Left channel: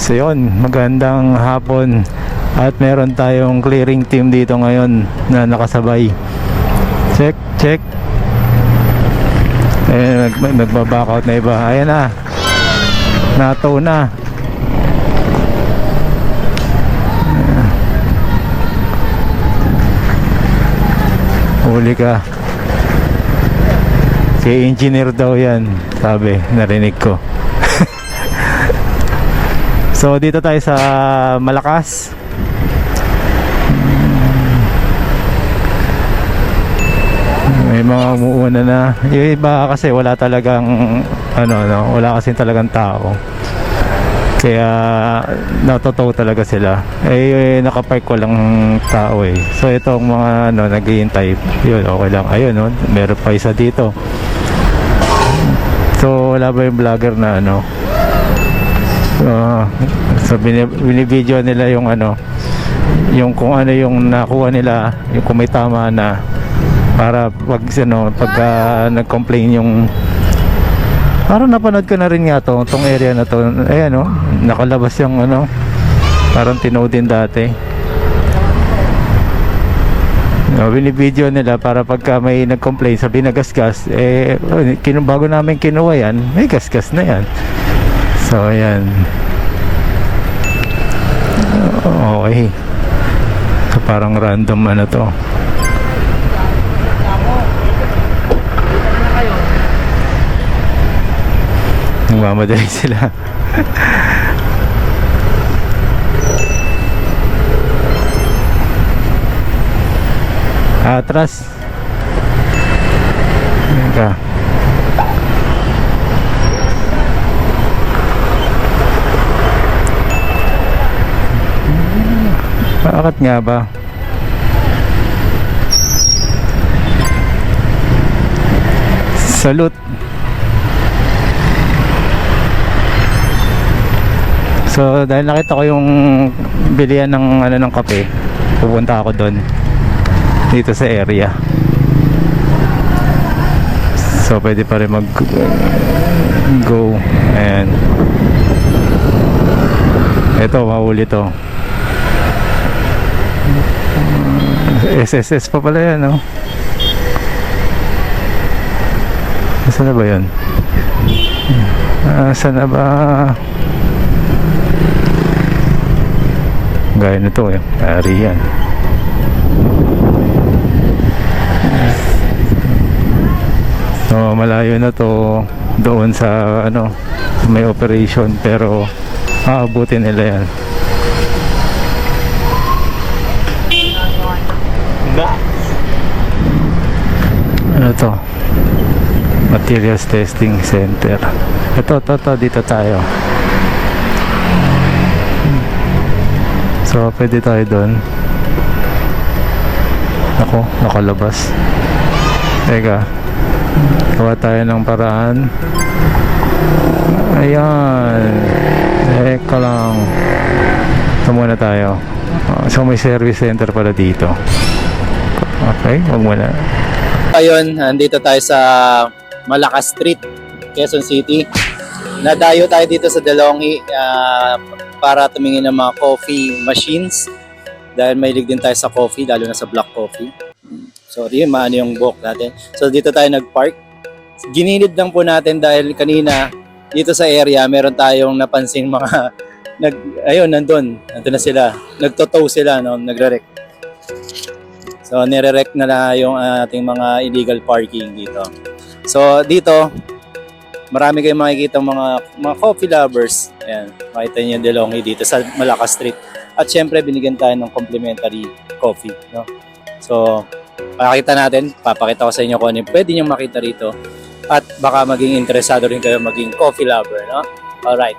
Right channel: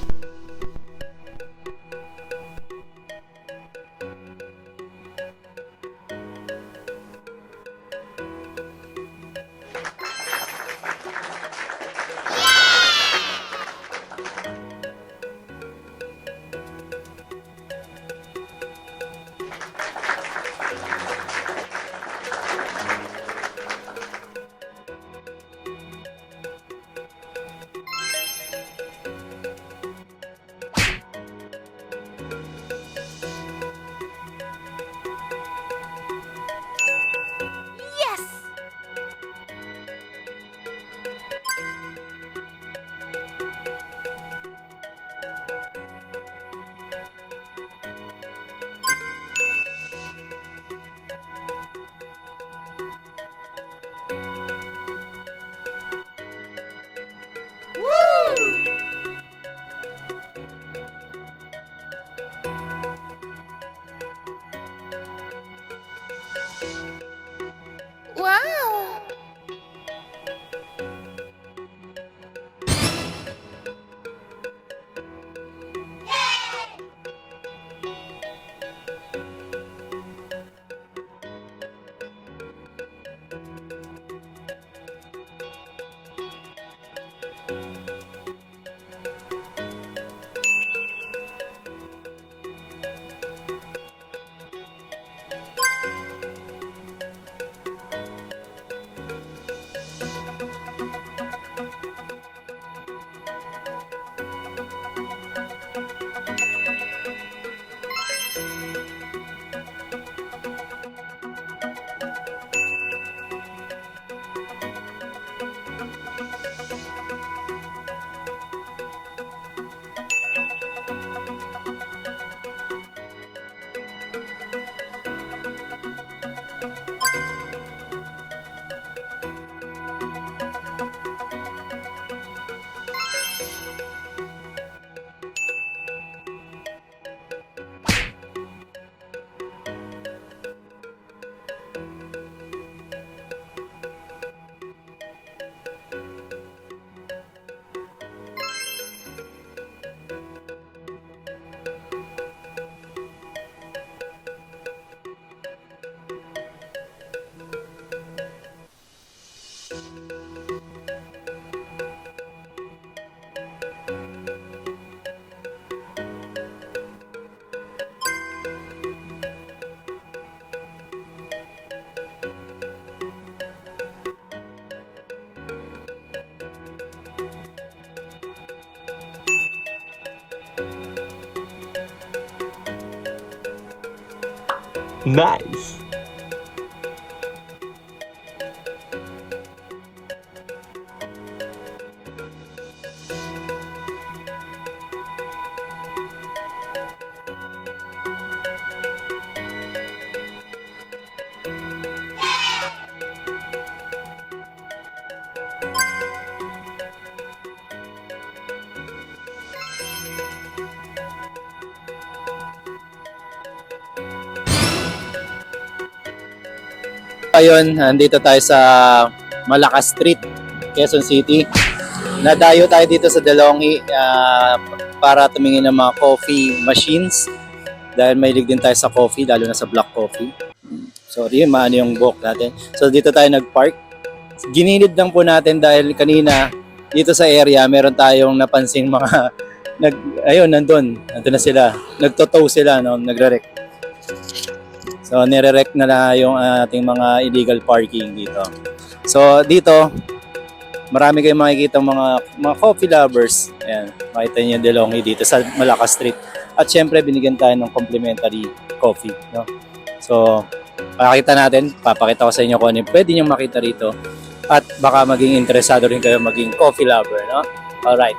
So yun, magandang hapon. At meron tayong clearing team dito ngayon na nakasabay. Check, check. Nagbaback out na iba. Ayan na. Nato na. Huli ka. Si engineer daw yan, sabi, narinig ko. So dito tayo sa Malakas. May mga umuuna na. Yung iba kasi wala talagang wala kasi talagang tao. Kaya natutuwa talaga sila. Nakapark ko lang tao eh. So itong mga naghihintay, yun okay lang. Ayun meron pa isa dito. So wala ba yung vlogger na so binibideo nila yung yung kung ano yung nakuha nila, yung kung may tama na, para pagka nag-complain yung parang napanood ko na rin nga tong area na to. Ayan nakalabas yung parang tinood din dati. Binibideo nila para pagka may nag-complain sa binagasgas, bago namin kinuha yan, may gasgas na yan. So ayan. Okay. So parang random to. Nagmamadali sila. Atras. Ayan ka. Bakit nga ba? Salute. So dahil nakita ko yung bilihan ng kape, pupunta ako doon dito sa area. So pwede pa rin mag go. And eto, mahuli to. SSS pa pala yan, Saan na ba yun? Saan na ba? Gaya nito ari yan. So malayo na to doon sa may operation, pero aabutin nila yan. Nice. Ano to? Materials Testing Center. Ito, dito tayo. So pwede tayo doon. Ako, nakalabas. Teka, gawa tayo ng paraan. Ayan. Teka lang. Ito muna tayo. So may service center pala dito. Okay, wag muna. Ayun, nandito tayo sa Malakas Street, Quezon City. Nadayo tayo dito sa DeLonghi para tumingin ng mga coffee machines. Dahil mahilig din tayo sa coffee, lalo na sa black coffee. Sorry, maano yung buhok natin. So dito tayo nag-park. Ginilid lang po natin dahil kanina dito sa area meron tayong napansin mga nandun na sila. Nagtotow sila, nagre-rec. So nire-rec na yung ating mga illegal parking dito. So dito, marami kayong makikita mga coffee lovers. Ayan, makita niyo yung DeLonghi dito sa Malakas Street. At syempre binigyan tayo ng complimentary coffee, So papakita ko sa inyo kung ano yung pwede nyo makita rito. At baka maging interesado rin kayo maging coffee lover, Alright,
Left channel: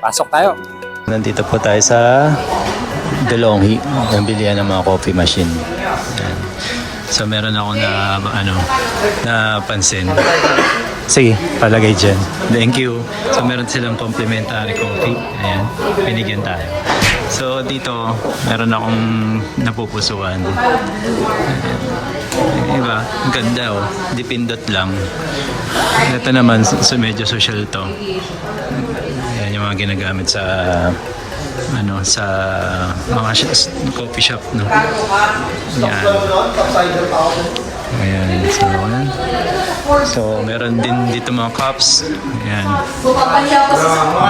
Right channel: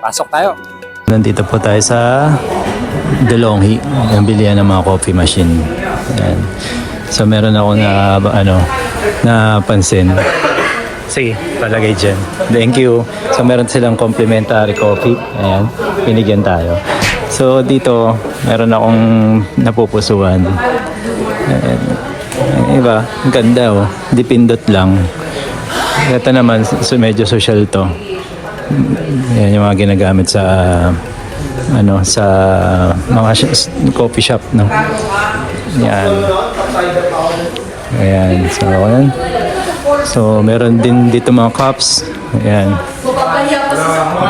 pasok tayo. Nandito po tayo sa DeLonghi, yung bilihan ng mga coffee machine. Ayan. So meron ako napansin. Sige, palagay dyan. Thank you. So meron silang complimentary coffee. Ayan, binigyan tayo. So dito, meron akong napupusuan. Ayan. Iba, ang ganda Dipindot lang. Ito naman, medyo social to. Yan yung mga ginagamit sa ano sa mga coffee shop, no. Yan. Ayan. So, ayan. So, meron din dito mga cups. Ayan.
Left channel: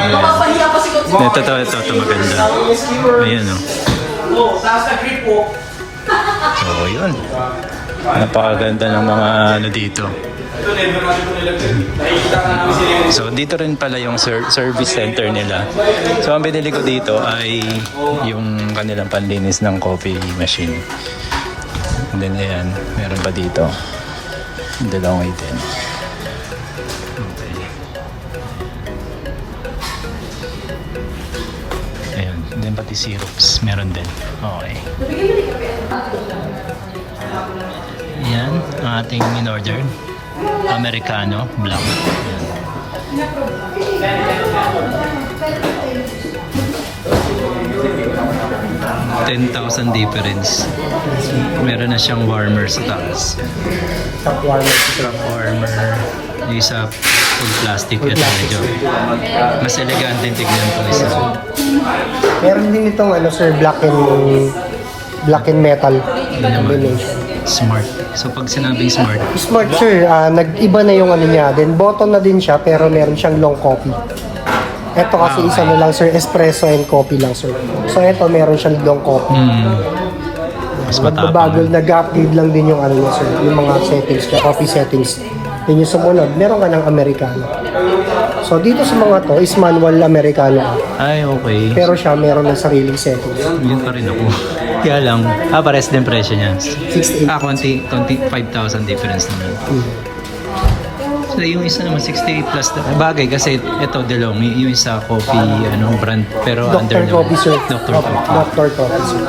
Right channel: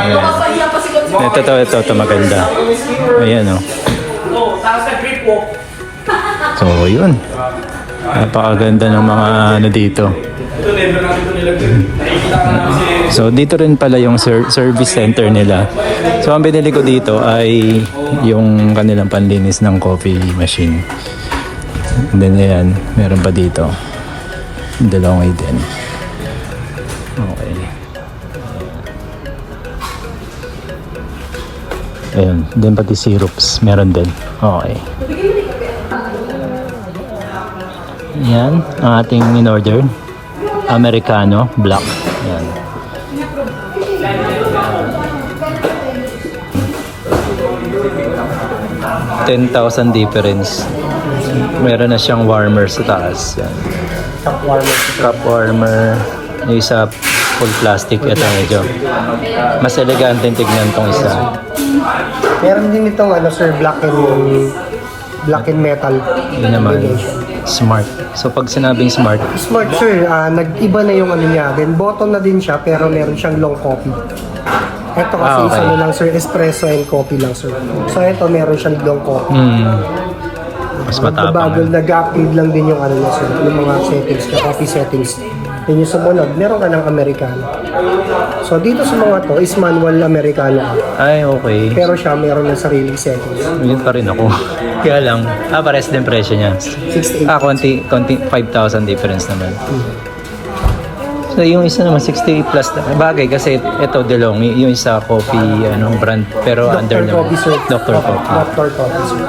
Ayan. Ito maganda. Ayan, oh. So, yun. Napakaganda ng mga ano dito. So, dito rin pala yung service center nila. So, ang binili ko dito ay yung kanilang panlinis ng coffee machine. And then, ayan, meron pa dito. Dalawang din. Okay. Ayun, din pati syrups, meron din. Okay. Yan, ang ating in-order. Americano, black. Yan. $10,000 difference. Meron na siyang warmer sa taas. Yan. Cup warmer. Yung isa full plastic. Ito medyo mas elegante yung tignan tong isa. Meron din itong ano sir, black and metal. Yun naman. Smart. So pag sinabing smart, Smart sir, nag-iba na yung ano niya. Then bottom na din siya pero meron siyang long coffee. Ito kasi okay. isa na lang sir, espresso and coffee lang sir. So ito meron siyang long coffee. mas matapang. Magbabago, nag-upgrade lang din yung ano niya sir, yung mga settings, coffee settings. Then yung sumunod, meron ka ng Americano. So dito sa mga to is manual Americano. Ay, okay. Pero siya meron ng sariling settings. Hindi pa rin ako. Kaya lang, pares din presyo niya. 68. Konti 5,000 difference naman. So yung isa naman 68 plus na. Bagay kasi ito DeLonghi, yung isa coffee brand pero under Dr. Coffee sir. Dr. Coffee. Dr. Coffee sir.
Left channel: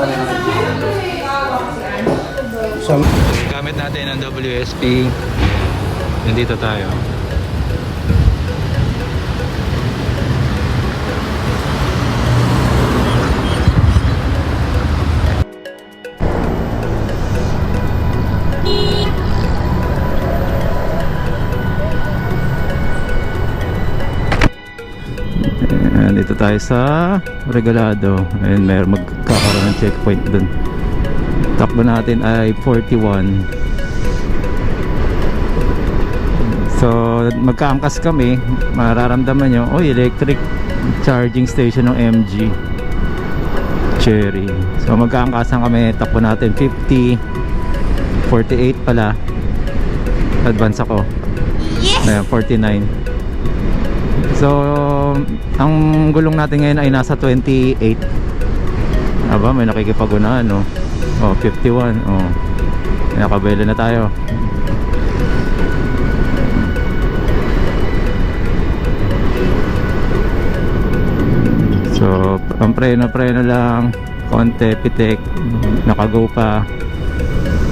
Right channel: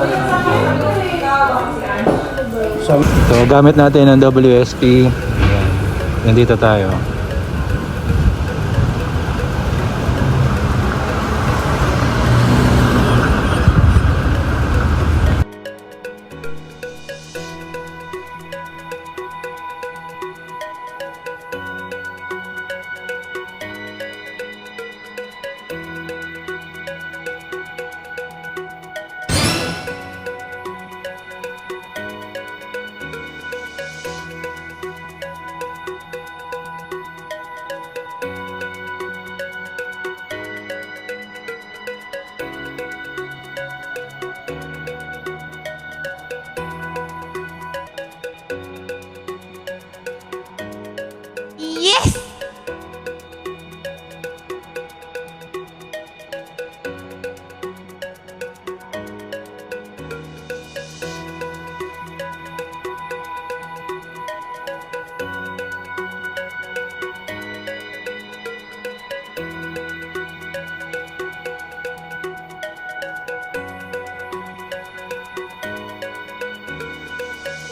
So, So gamit natin ang WSP. Ayan. Nandito tayo. Dito tayo sa Regalado. Ayun, may magkakaroon ng checkpoint dun. Takbo natin ay 41. So magkaangkas kami, mararamdaman nyo, electric charging station ng MG Cherry. So magkaangkasan kami, takbo natin 50, 48 pala. Advance ako. Yes! 49. So ang gulong natin ngayon ay nasa 28. Aba, may nakikipag-unahan, no? 51. Nakabelo na tayo. So ang preno lang, konti, pitik, nakago pa.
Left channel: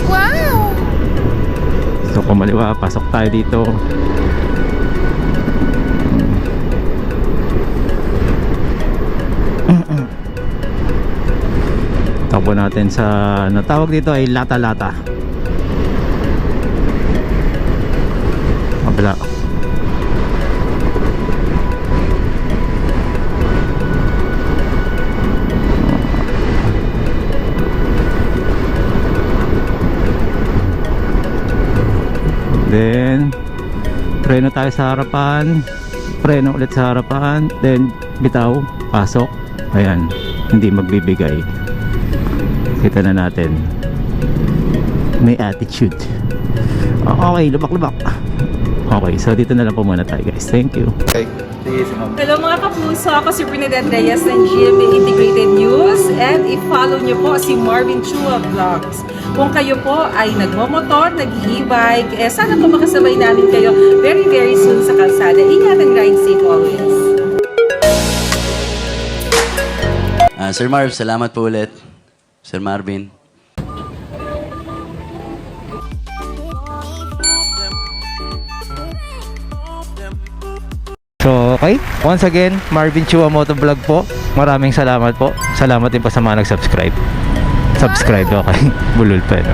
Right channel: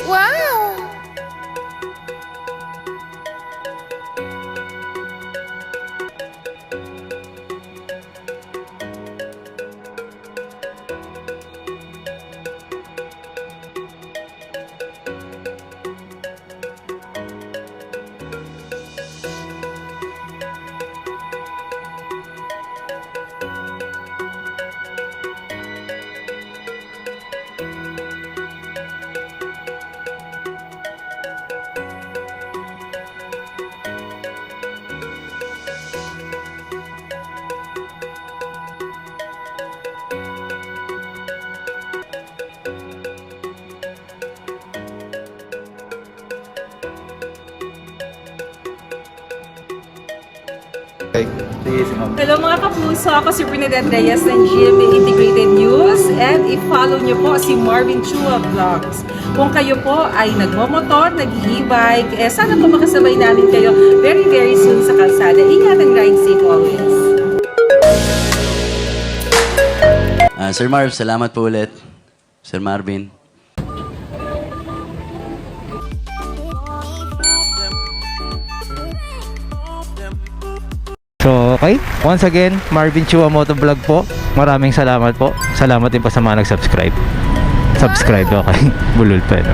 Wow! So kumaliwa, pasok tayo dito. Takbo natin sa natawag dito ay lata-lata. Mabala. Then preno tayo sa harapan, preno ulit sa harapan, then bitaw, pasok. Ayan, hindi magbibigay. Kita na natin, may attitude. Okay, lubak-lubak. Okay, so dito na lang po muna tayo guys. Thank you. Hello mga kapuso, ako si Bernadette Reyes ng GMA Integrated News and i-follow niyo po si Marvin Chua Vlogs. Kung kayo po ay nagmomotor, nag-e-bike, sana po makasabay namin kayo very very soon sa kalsada. Ingat and ride safe always. Sir Marv, salamat po ulit. Sir Marvin. So okay, once again, Marvin Chua Motovlog po. Maraming salamat po. Salamat din po sa mga nag-subscribe. Subscribe, okay. Bulol pa, no?